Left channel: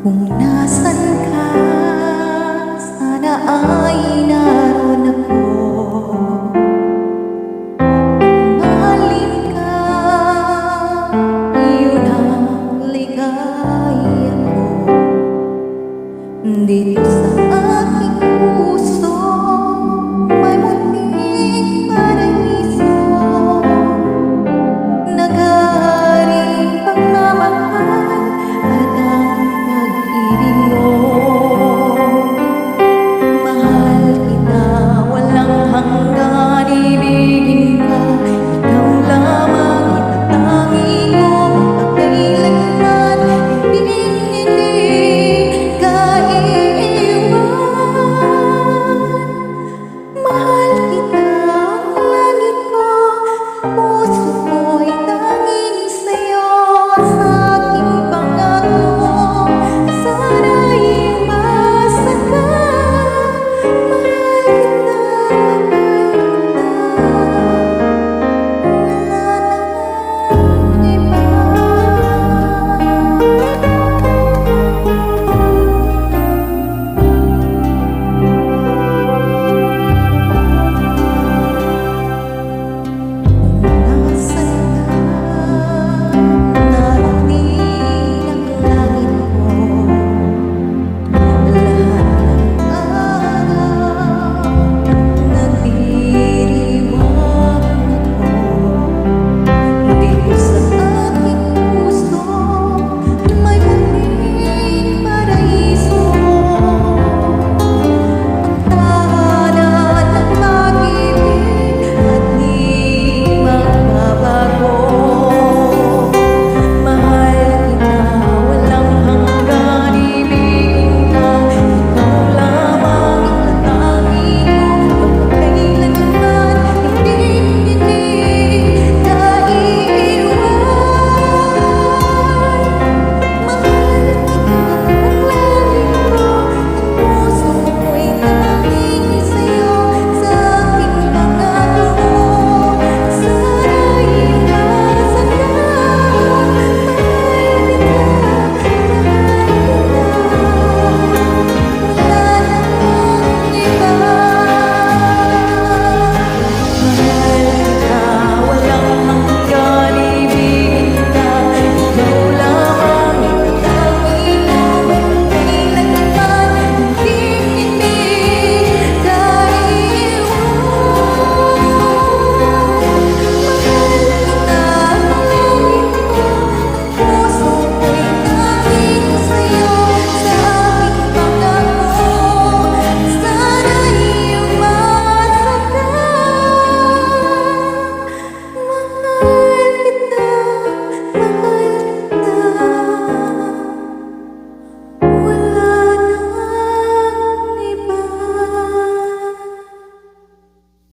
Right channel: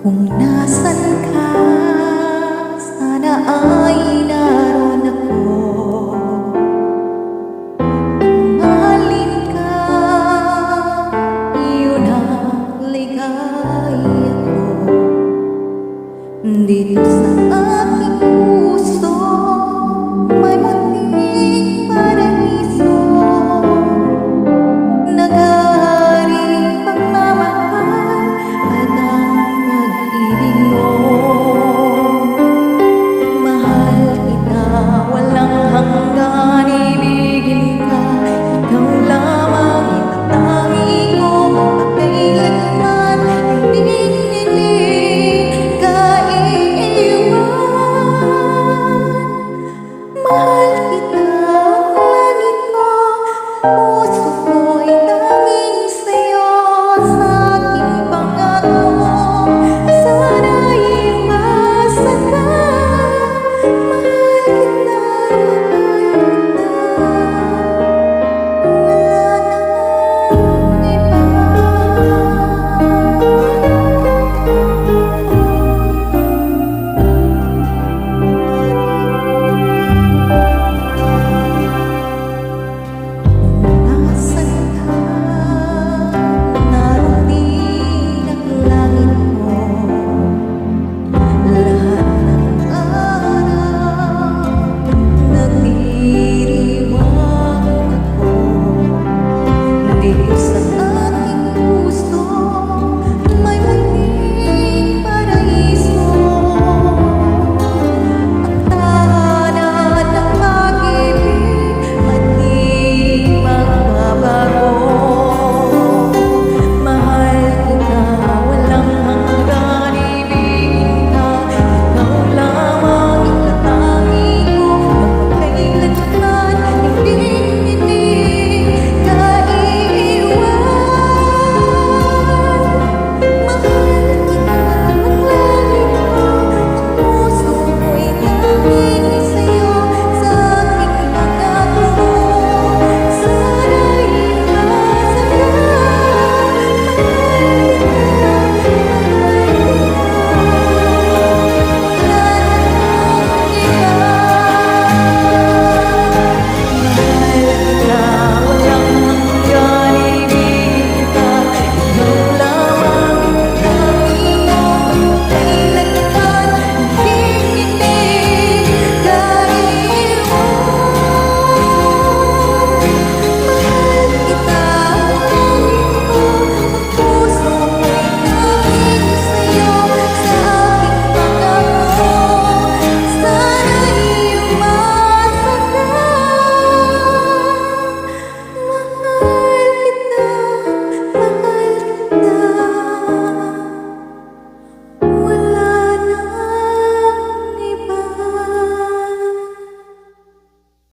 Kung nasan ka, sana ay naroon ako. Mahalin ka, iyon ang ligaya ko. Dito sa aking puso, may munting paraiso. Nag-aaring pagmamahal at ang pag-ibig mo. Mahal kita, walang hanggan, ibigin ka. Ikaw lamang itatangi ko, magpakailanman, hindi ka iiwan. Mahal kita, ang langit ko, puso ko'y tanging sa'yo.